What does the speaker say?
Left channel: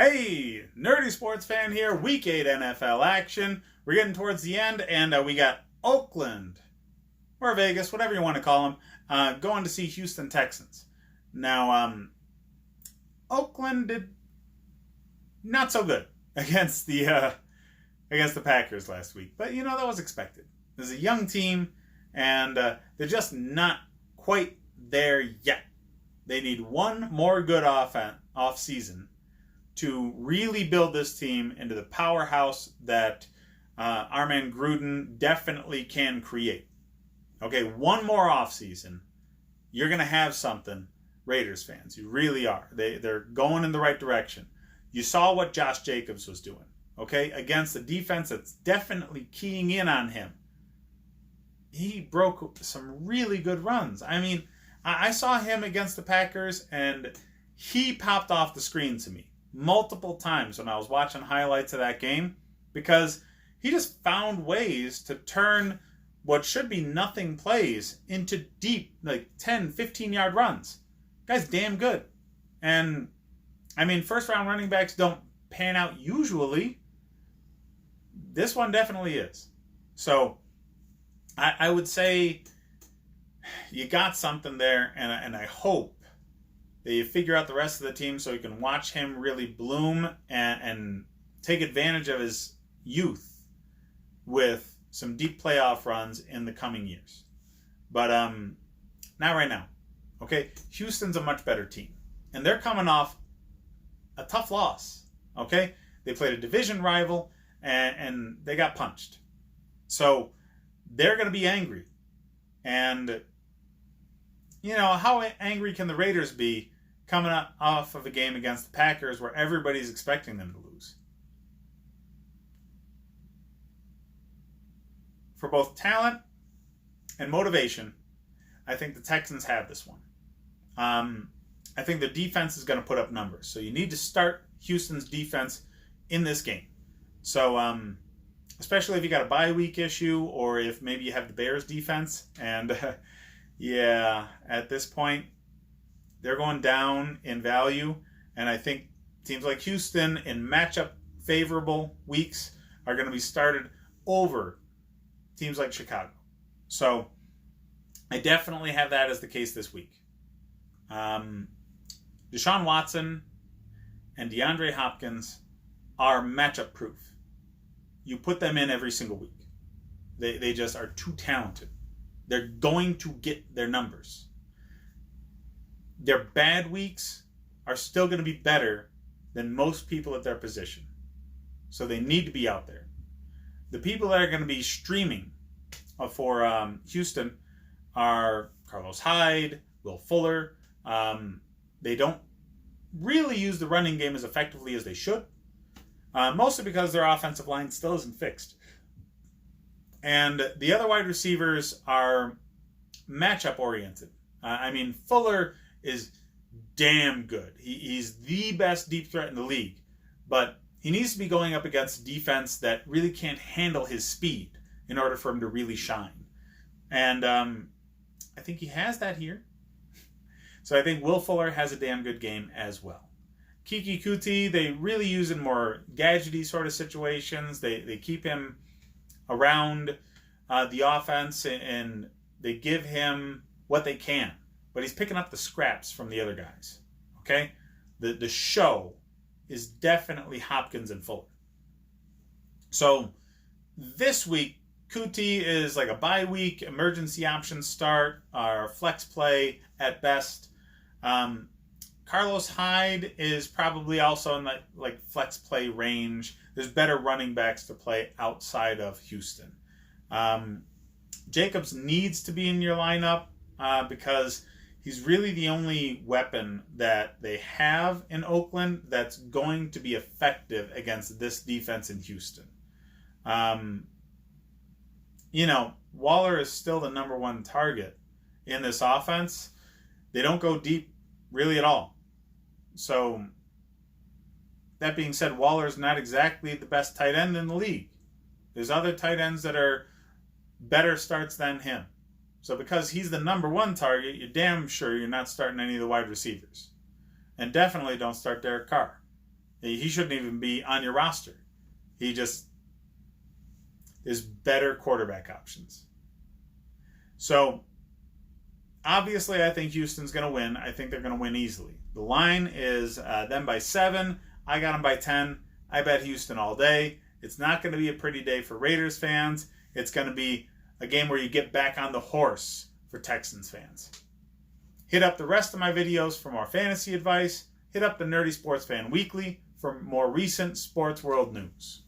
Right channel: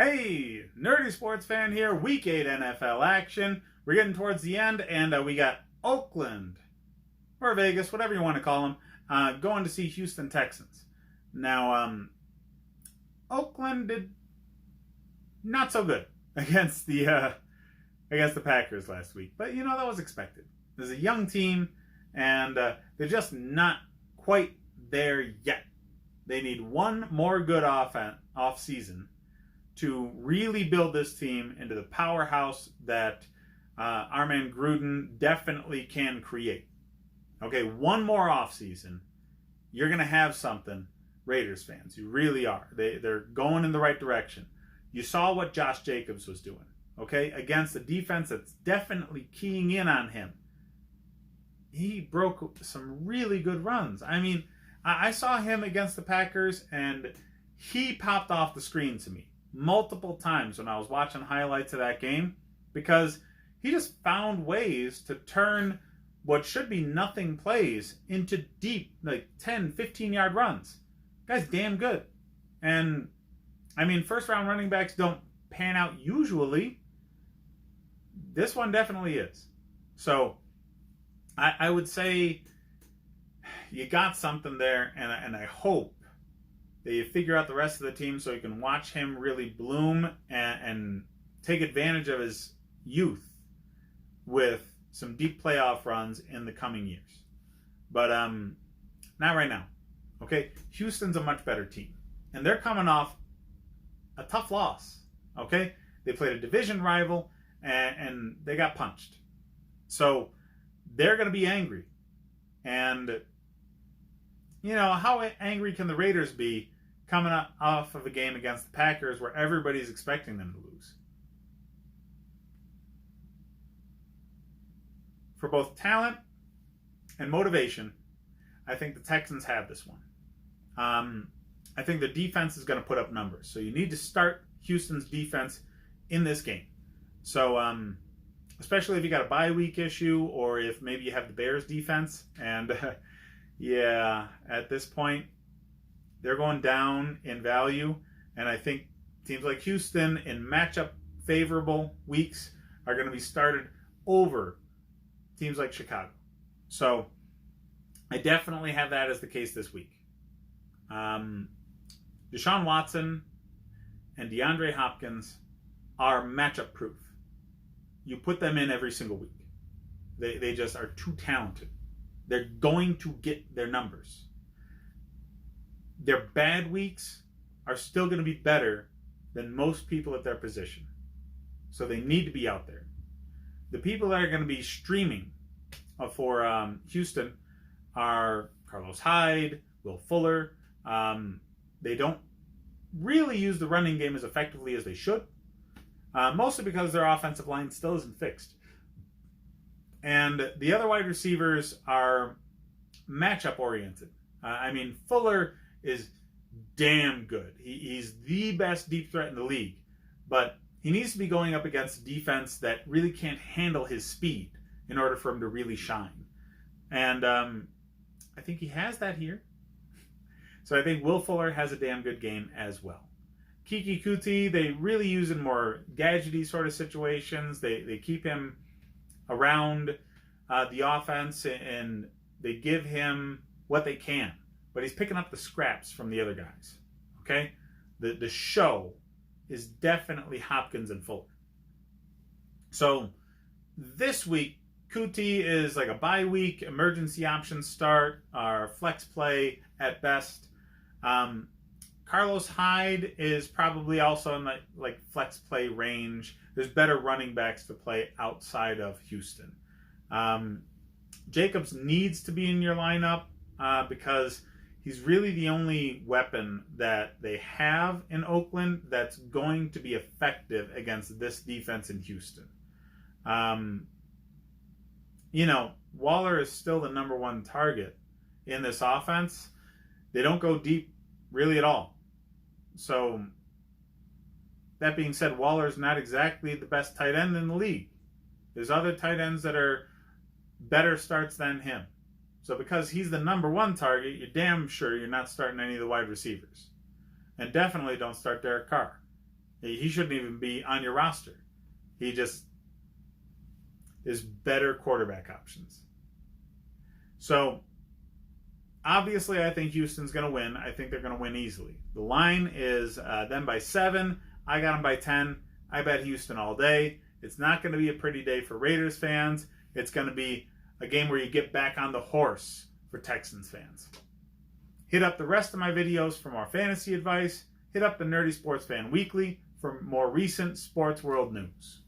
Hey, nerdy sports fan here. Week 8 NFL action. We're getting towards the end, and we got Oakland, or Vegas, whatever you want to call them, going to see Houston Texans. Now, Oakland did not so good against the Packers last week, but that was expected. There's a young team, and they're just not quite there yet. They need one more good off season to really build this team into the powerhouse that our man Gruden definitely can create. Okay, one more offseason, you're going to have something, Raiders fans. You really are. They're going in the right direction. You saw what Josh Jacobs was doing, okay, against a defense that's definitely keying in on him. He broke some really good runs. I mean, I saw him against the Packers, and he popped off the screen to me multiple times when I was watching highlights of that game, because he just found ways to turn what should be nothing plays into deep, like 10, 15-yard runs. Guy's damn good. And, I mean, first-round running backs don't pan out usually. This one definitely is. So, I would say you got something there, and I hope that you figure out the rest of the team so you can watch him really bloom and take advantage of his youth with some deep playoff runs in the coming years. But not right now. Okay, Houston's a much better team, and they're coming off a tough loss. Okay, they played a division rival, and they got punched. So they're going to be angry. And how angry can the Raiders be coming off of a game against the Packers where everybody's expecting them to lose? For both talent and motivation, I think the Texans have this one. I think the defense is going to put up numbers. So you need to start Houston's defense in this game. So, especially if you got a bye week issue, or if maybe you have the Bears defense. And yeah, at this point, they're going down in value. And I think teams like Houston in matchup favorable weeks are going to be started over teams like Chicago. So I definitely have that as the case this week. Deshaun Watson and DeAndre Hopkins are matchup proof. You put them in every single week. They just are too talented. They're going to get their numbers. Their bad weeks are still going to be better than most people at their position. So they need to be out there. The people that are going to be streaming for Houston are Carlos Hyde, Will Fuller. They don't really use the running game as effectively as they should. Mostly because their offensive line still isn't fixed. And the other wide receivers are matchup oriented. Fuller is damn good. He's the best deep threat in the league. But he needs to be going up against a defense that really can't handle his speed in order for him to really shine. And I think he has that here. So I think Will Fuller has a damn good game as well. Kiki Kuti, they really use in more gadgety sort of situations. They keep him around the offense, and they give him what they can. But he's picking up the scraps from the other guys. Okay? The show is definitely Hopkins and Fuller. So this week, Kuti is like a bye week, emergency option start, or flex play at best. Carlos Hyde is probably also in the flex play range. There's better running backs to play outside of Houston. Jacobs needs to be in your lineup because he's really the only weapon that they have in Oakland that's going to be effective against this defense in Houston. Waller is still the number one target in this offense. They don't go deep really at all. So, that being said, Waller is not exactly the best tight end in the league. There's other tight ends that are better starts than him. So because he's the number one target, you're damn sure you're not starting any of the wide receivers. And definitely don't start Derek Carr. He shouldn't even be on your roster. He just is better quarterback options. So, obviously, I think Houston's going to win. I think they're going to win easily. The line is them by 7. I got them by 10. I bet Houston all day. It's not going to be a pretty day for Raiders fans. It's going to be a game where you get back on the horse for Texans fans. Hit up the rest of my videos for more fantasy advice. Hit up the Nerdy Sports Fan Weekly for more recent sports world news.